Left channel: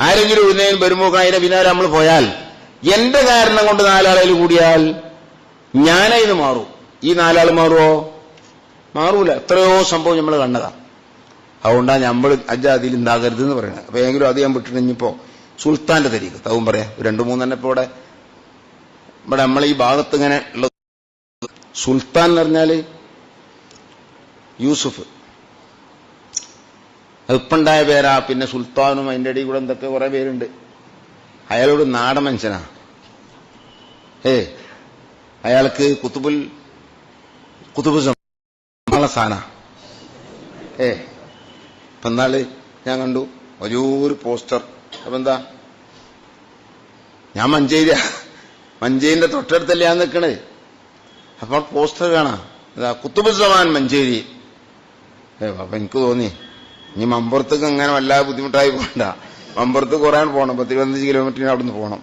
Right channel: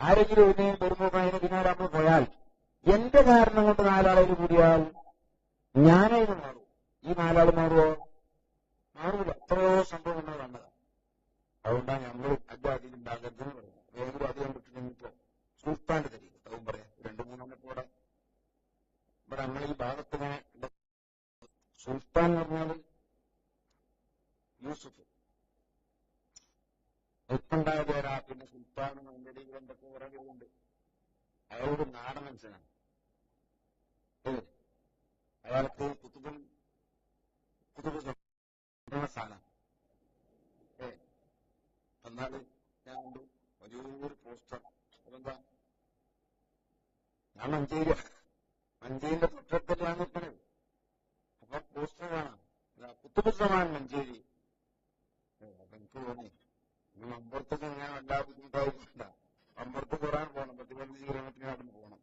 ആരെങ്കിലും ഒരു വരുമ്പോൾ അതിന്റെ പിന്നാലെ നമ്മൾ പോയാൽ എന്റെ കാരണം കൊണ്ട് നാലാളിൽ കൂടിയാൽ ഞാനതിന് മാറും. ഈ നാലാൾ മാറുമോ മാറൂല. എത്രയോ സംഭവം നമ്മൾ കണ്ടതാ. അതുകൊണ്ടാണ് നമ്മൾ അജാതിയിൽ ഉണ്ടാകരുത് എന്ന് പറയുന്നത് അപ്പൊ എങ്കിലും അത് ഞാൻ വിട്ടിട്ടിപ്പോ സുൽത്താന്റെ തരീക്ക്. തവും പറയാം. രണ്ടു മൂന്നെണ്ണം ഇപ്പൊ ഇവിടെ ഇവിടെ നമ്മൾ ഈ ഭാഗത്ത് ഇങ്ങനെ ഉള്ളത്. സുൽത്താൻ എന്ന് പറഞ്ഞാൽ യൂസുഫ്. അതിപ്പുണ്ടായ പേരാ. പിന്നെ സുൽത്താനും അതിന്റെ ഇടയിൽ കൂടെ എന്തൊക്കെ കുറെ പേരുണ്ട്. അയാളോട് നാടൻ മനുഷ്യനാ. ഏ അയാൾക്ക് കുത്തുബുൽ കുത്തുബു സാന. ഏ അപ്പൊ ഞാൻ കണ്ടു. വലിയൊരു പോസ്റ്റർ. അപ്പൊ എന്താ? ഞാൻ മഞ്ചേരിയാ. മഞ്ചേരിന്റെ തൊട്ടടുത്തല്ലേ ഞാൻ നിൽക്കണേ അപ്പോൾ പോസ്റ്റർ കാണാം. കുത്തുബുസമാൻ മഞ്ചേരി. അപ്പൊ എനിക്ക് തോന്നി. ഇനി മമ്പുറത്തേക്ക് അങ്ങനെ വല്ലാതെ ബുദ്ധിമുട്ടായി പോകണ്ട മമ്പുറത്ത് കുറേ പോകണം പത്ത് ഇരുപത്തഞ്ച് കിലോമീറ്ററിന് അവിടെ നിന്ന് പോകണം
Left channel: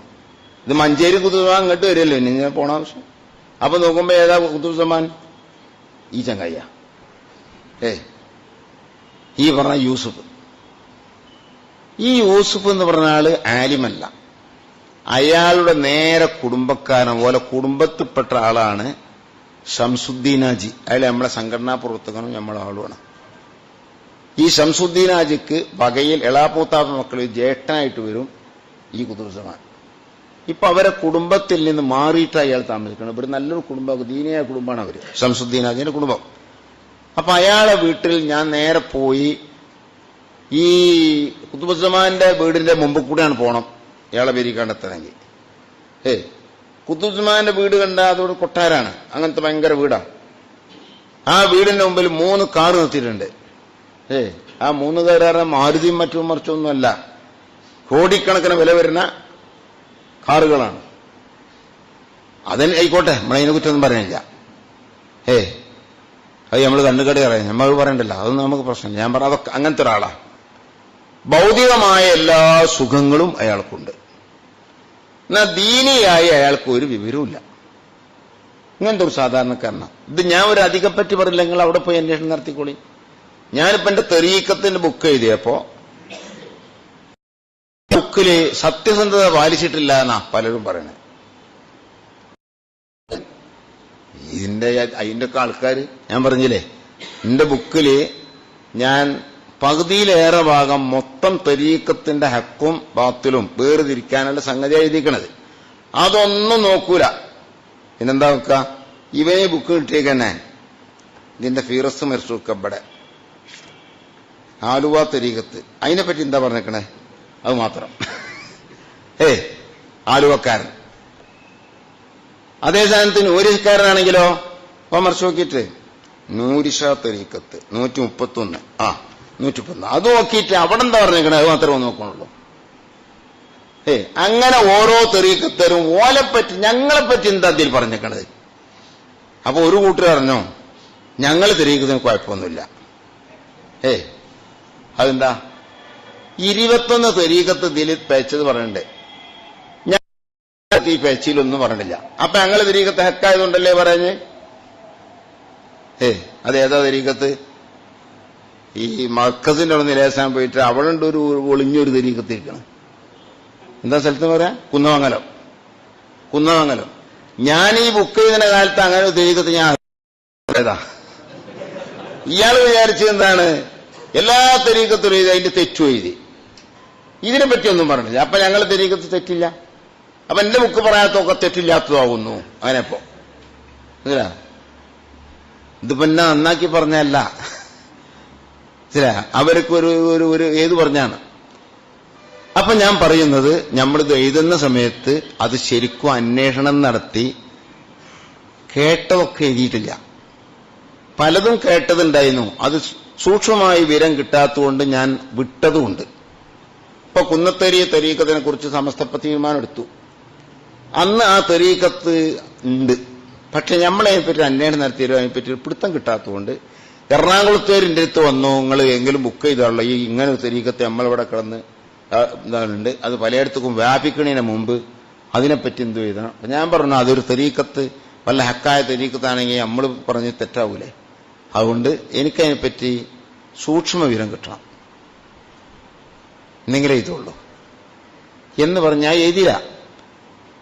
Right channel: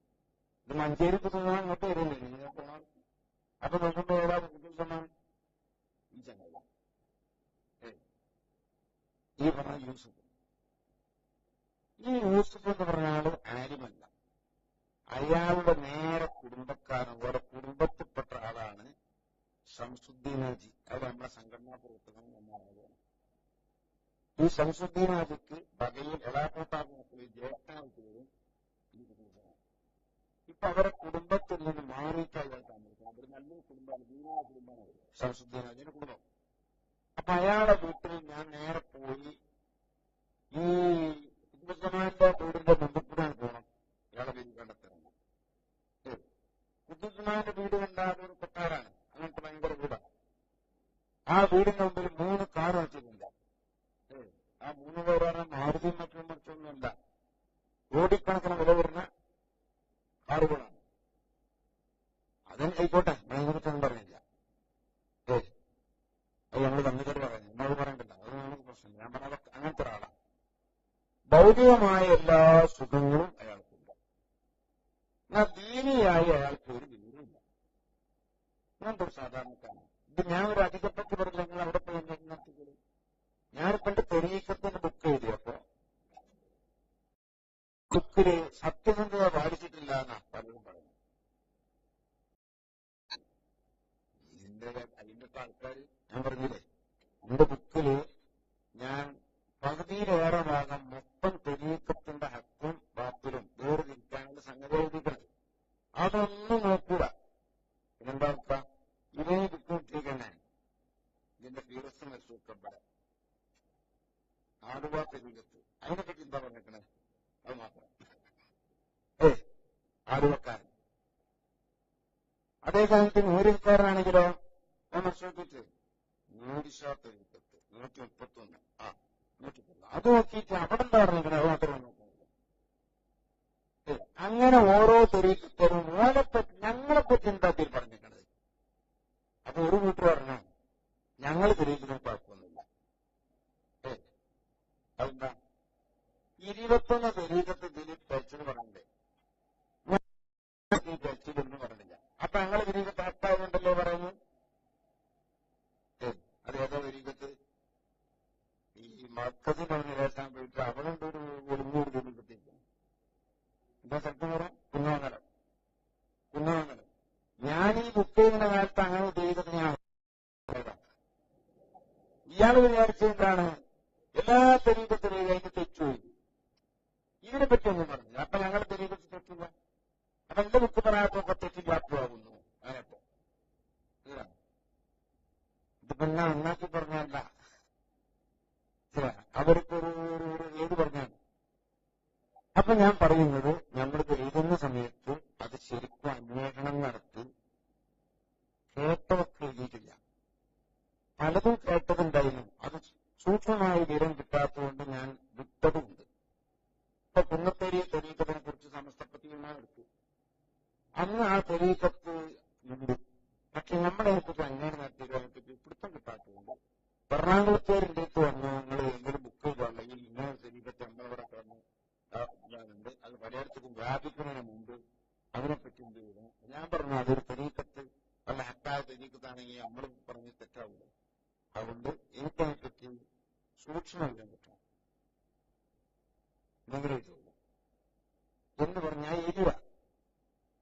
ഇത് മഞ്ചേരി കുത്തുസമാൻ അങ്ങോട്ട് വരില്ലേ ഇനി ഞാൻ പോണ ആവശ്യം. അപ്പൊ നോക്കുമ്പോ ഏതാ കുത്തുസമാൻ? ഈ ചങ്ങയ്യ. ഏ ഈ പറഞ്ഞ യൂസുഫ്. ഈ യൂസുഫ് എന്ന് പറഞ്ഞ ആൾ ആലിമല്ല. അയാളുടെ നേരെ കുടുംബക്കാരൻ പോലെ കുടുംബത്തിൽപ്പെട്ട ആളാണ് ഷംസുദ്ദീനാജി അയാൾ നമ്മളെ സംഘടനാ പ്രവർത്തകനും നമ്മളെ ആളുമാണ്. ഈ ഷംസുദ്ദീനാജിക്ക് വകയിൽ എളാപ്പൂത്താപ്പ മക്കൾ ജ്യേഷ്ഠനായിട്ട് വരും ഈ കുതുസമാൻ ഇപ്പൊ അവരെ കുടുംബത്തിൽ നിന്ന് മാറിയിട്ട് അയാൾ താമസിക്കണം. ഇവർ നല്ലൊരു കുടുംബം ദീനിയായ കുടുംബമാണ് അവർ. ഷംസുദ്ദീനാജിന്റെ കുടുംബം. അപ്പൊ അയാളെ വീട്ടിൽ ഞാൻ നേരെ പോയി ഈ കുത്തുബുസമാന്റെ വീടിന്റെ മുമ്പ് കൂടെയാണ് പോണം. ഇയാളെ പേര് കണ്ടെത്തണമെങ്കിൽ. ഏ കുത്തുബുസമാന്റെ വീട് കണ്ട അതോട് കൊട്ടാരാണ്. അങ്ങനത്തെ ഭയങ്കര വീടാണ് ആ വീടിന്റെ മുമ്പിൽ മൂന്ന് കാർ നിർത്തിയിട്ടുണ്ട്. ഏ ആ മൂന്ന് കയറാറ് മാരുതിയും മറ്റും മറിച്ചൊന്നുമല്ല. കോടിക്കണക്കിന് വില വരുന്ന കാറുകളാണ്. അതിന് ആയിക്കോട്ടെ നമ്മളതിനെ കുറ്റൊന്നും പറയുന്നില്ല ഏ അത് നമ്മൾ കണ്ണുകടി അറിയാം നമ്മൾ പറയണ്ടല്ല. അതൊന്നും നമുക്ക് പ്രശ്നമില്ല. ഞാൻ പറ അതൊക്കെ അങ്ങനത്തെ ഒരാളാ. ഭൗതികമായ എല്ലാ സുഖങ്ങളും അയാൾക്കുണ്ട്. എന്നാ ദീനിയായി അയാൾക്ക് ഒരു വിവരവുമില്ല. ഇങ്ങനത്തെ ഒരു സാധാരണക്കാരനാണ് ഇത് ഞാൻ ഒരു അധികം പറ്റി പറയില്ല നിങ്ങൾ അവിടെ പോയി അന്വേഷണം നടത്തിക്കോളി. ഞാനിപ്പോ എന്റെ തെരീക്കത്തിന്റെ ബുക്ക് എഴുതിയപ്പോ ബുക്കിൽ സത്യസന്ധത പാലിച്ചിട്ടില്ല എന്നാ പലരും പറയണേ. ഇതിന്റെ അതിന്റെ ഒക്കെ ആൾക്കാർ ഞാൻ പറഞ്ഞില്ലേ എന്റെ ബുക്കിൽ ഞാൻ പകുതിയിലേറെ ഭാഗം മൊത്തം തെരീക്കത്തിന്റെ ഹക്കും ബാത്തിലും വേർതിരിക്കാനുള്ള സംഗതി എഴുതിക്കണത് അതൊന്നും നോക്കൂല. പിന്നെന്താ നോക്ക ഇവനെ ബുക്ക് കിട്ടിയേക്കന്നെ. ഇതിന്റെ ഫീറസ് ഇവിടെ. ആലുവ തെരീകത്ത് അതിനെപ്പറ്റി എന്താ പറഞ്ഞേക്കണേ? അത് മാത്രം. ഏ ആലുവക്കാരൻ. അതേ സ്ഥാനത്ത് നൂരിക്കാരനാണെങ്കിലോ അപ്പൊ മറിച്ച് നോക്കിയിട്ട്. നൂരിഷ തെരീക്കത്ത് നൂറ്റി മുപ്പത്തൊന്ന് ആ നൂറ്റി മുപ്പത്തൊന്ന് അത് നോക്കിയിട്ട് അവിടെ എന്താ പറഞ്ഞേക്കണേ? അത് മാത്രമേ നോക്കണുള്ളൂ ഏ അങ്ങനെ ഓരോ തെറീക്കത്തരും ഓലെപ്പറ്റി ഞങ്ങളെപ്പറ്റി എന്താ അതിൽ പറഞ്ഞേക്കണത്? അപ്പൊ ഒരു കൂട്ടർ പറഞ്ഞോ ഞങ്ങൾ തെരീക്കത്തിന് കുഴപ്പമൊന്നുമില്ല. ഏ അതെന്താ? ഇരുപത്തൊന്ന് തെരീക്കത്ത് ഇതിൽ പേച്ചത് ഞാൻ ഈ പേച്ചിയിലൊന്നും പറഞ്ഞില്ല. അപ്പൊ ഞങ്ങൾ തിരീക്കത്ത് ഹെക്കായതുകൊണ്ടല്ലേ പറഞ്ഞ്? ഏ അതേതാ തിരീക്കത്ത് ഈ മർക്കസിന്റെ അവിടെ നിലേശാൻ പോയിട്ട് അവിടെ ഒരു ഒളിഞ്ഞൊരു തിരീക്കത്ത് ഇരിക്കണം. എന്താ സ്ഥലത്ത് പറയാ? കുന്നമംഗലം. കുന്നമംഗലം. ഞാൻ ഈ ബുക്ക് ചെയ്യുന്ന കാലത്ത് അങ്ങനെ ഒരു തിരീക്കത്ത് ഞാൻ ഇയാൾ വിചാരിച്ചത് എന്താണ്? എല്ലാ തെരീക്കത്തിലും എഴുതി അതിന്റെ തെറ്റു എഴുതി. ഇതിനെ പറ്റിയൊന്നും പറഞ്ഞില്ല. അപ്പൊ ഞങ്ങൾ തെരീക്കത്ത് തെറ്റില്ല. അപ്പൊ എന്റെ ബുക്ക് പറയാത്തൊക്കെ തെറ്റില്ലാത്തതാകുന്നു അങ്ങനെപ്പോ മനസ്സിലാ ഇതിപ്പോ എന്നെ നന്നാക്കി പറഞ്ഞല്ല മനസ്സിലാ അവർക്ക് ഒരു ഒരു ഒരു ഏത് പറഞ്ഞാണ്? അപ്പൊ ഞാൻ പറയുന്നത് നമ്മളിത് എഴുതുന്ന സമയത്ത് അത് ശരിക്കും അന്വേഷണം നടത്തി കേട്ടതൊക്കെ എഴുതിയിട്ടില്ല. പലതും കേട്ടതുണ്ടായിരുന്നു. അത് സൂക്ഷ്മമായി വിവരം കിട്ടാത്തതുകൊണ്ട് ഞാൻ വിട്ടതുമുണ്ട്. ഇപ്പൊ കുന്നത്തേരിയ തെരീക്കത്തിനെ കുറിച്ച് സമസ്തപ്പ തീരുമാനമെടുത്തു അന്ന് ആ തെരീക്കത്ത് ഉണ്ട്. പക്ഷെ നമ്മളതിനെപ്പറ്റി അന്വേഷണം നടത്തിയാലും അതിനെപ്പറ്റി ഒരു പിടുത്തം കിട്ടാത്തതുകൊണ്ട് എറണാകുളത്തേരിന്റെ അടുത്ത് വന്നു. നിങ്ങൾ എങ്കിലും ബുക്ക് ചെയ്താണല്ലോ ഈ ഇങ്ങനെ ഒരു തെരീക്കത്ത് നമ്മളിവിടെ കിടന്ന് ഇതാണുണ്ട് അത് പലയിടത്തേക്കും വ്യാപിക്കണതിന് മുമ്പ് അതിനെപ്പറ്റി എന്തു ചെയ്തണം ഞാൻ പറഞ്ഞു അതൊരു തെരീക്കത്ത് വല്ല ഹക്കായ തെരീക്കത്താണെങ്കിൽ നമ്മൾ പറഞ്ഞ് തെറ്റാവൂലേ? അതുകൊണ്ട് എനിക്കതിനെപ്പറ്റി സൂക്ഷ്മ വിവരം കിട്ടണം. എന്നെങ്കിലേ ഇതുള്ളൂ. എന്ന് പറഞ്ഞാൽ എഴുതില്ല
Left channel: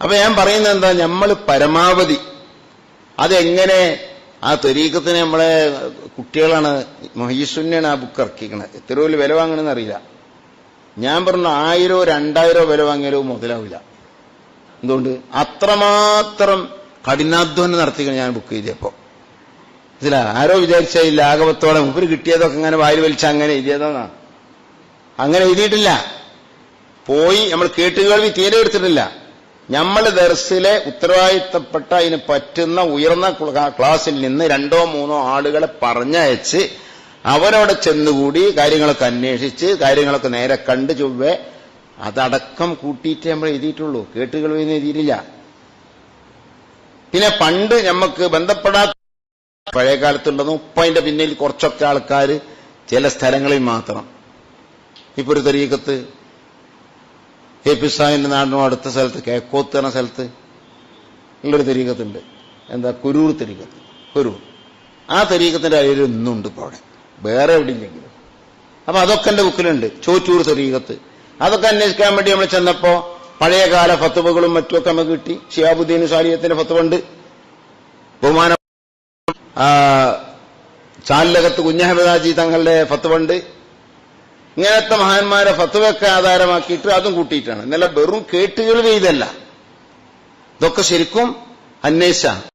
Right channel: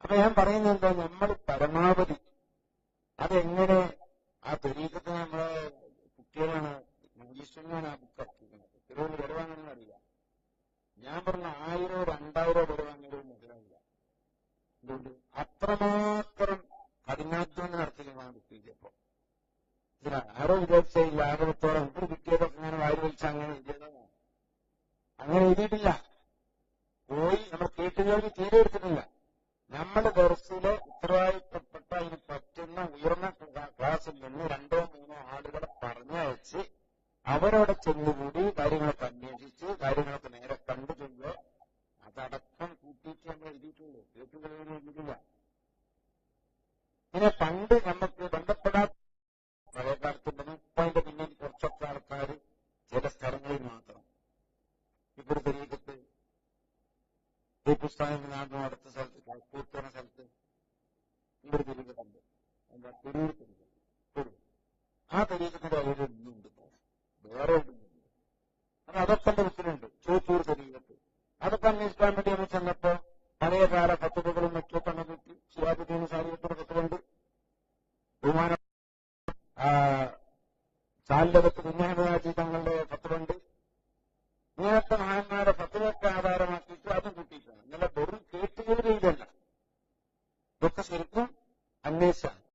അപ്പൊ ഞാൻ പറയുന്നത് എന്താ? നമ്മൾ പരമാവധി അതെങ്ങനെ ആ ത്വരീക്കത്തിന് നമ്മളെ കുട്ടികളാണ് മഹീസുന്നെയാണ് ആ ബുക്ക് ഇറക്കിക്കണത് എത്ര വലിയ വില വാങ്ങണമെന്ന് അറിയില്ല. ഞാൻ പറഞ്ഞു ആയിരോ രണ്ടായിരോ വില വാങ്ങിയാലോ മുതലാവില്ല. എന്തുകൊണ്ട്? അത്രമാത്രം കഠിനാധ്വാനം നടത്തിക്കണം ഞാൻ ബുക്ക് ചെയ്തപ്പോ ഇതില? ആരോ വിചാരിച്ച ഈ ലാഘവത്തോടെ മുമ്പിൽ കിട്ടിയതൊക്കെ അങ്ങനെ വായിൽ വലിച്ച അങ്ങനെ എഴുതിയതെന്നാ? അങ്ങനെ എഴുതിയിട്ടില്ല. പോയി നമ്മൾ കേട്ടുകേൾവി തീരെ എടുത്തിട്ടില്ല. നമ്മൾ ദർസിലെ ഉത്തരവാദിത്തപ്പെട്ട അതിന് പറ്റുന്ന ഉയർന്ന ക്ല- ക്ലാസ്സിൽ നിന്ന് രണ്ടോ മൂന്നോ ആളുകളെ പറഞ്ഞയച്ച് അവരവിടെ ചെന്നുകൂടി കാര്യങ്ങളൊക്കെ അന്വേഷിച്ച് കാര്യങ്ങളൊക്കെ നേരെ കണ്ട് ചൊവ്വെ അതടക്കം കൂട്ടിയിട്ടേ നമ്മൾ എഴുതിയിട്ടുള്ളൂ. കേട്ടുകേൾവി എഴുതിയിട്ടില്ല. പിന്നെ പണ്ട് നമുക്ക് ബന്ധപ്പെടാത്ത പഴയ കാലത്തുണ്ടെന്നും ഇപ്പൊ അതിന്റെ പിന്നിൽ കുറച്ചൊക്കെ ആൾക്കാർ ചില സ്ഥലങ്ങളിൽ മാത്രം. ഇപ്പൊ ഒരു തെരീക്കത്ത് എ പി സാഹിന്റെ നാടിനും അടുത്ത സ്ഥലത്ത് കേക്കോത്ത് എന്ന സ്ഥലത്ത് ഉള്ളൊരു തെരീക്കത്തുണ്ട് എന്താ? കുരൂർ തെരീക്കത്ത് കുരൂർ. ആ തരീക്കത്തിന്റെ അരിയിൽ ഇന്നുണ്ട് ഇപ്പൊ അവിടെ. വേറെ എവിടെയില്ലെങ്കിലും അപ്പൊ അതൊക്കെ എന്റെ ബുക്കിലുണ്ട്. ചോറ്റൂർ തെരീക്കത്ത് അതൊക്കെ അന്വേഷിക്കാൻ വേണ്ടി നമ്മൾ ചെന്നപ്പോ പഴയകാല ഫത്തുവകളും മറ്റുമൊക്കെ നമുക്ക് കിട്ടി. ഷിയാബുദ്ദീൻ സാലിയത്തിന്റെ ഫത്തുവുണ്ട് ബഹുമാന ആ, കുഞ്ഞഹമദാജി തങ്ങളുടെ ഫത്വണ്ട്. ഇങ്ങനത്തെ മഹാന്മാരെ ഫത്തുവൊക്കെ ആധാരമാക്കിയിട്ട് അതും കൂട്ടിയിട്ടാണ്. ഇന്നലെ വെറും കേട്ടുകൾ ചെയ്തല്ല. ഇതൊക്കെ ശരിക്കും അന്വേഷിച്ച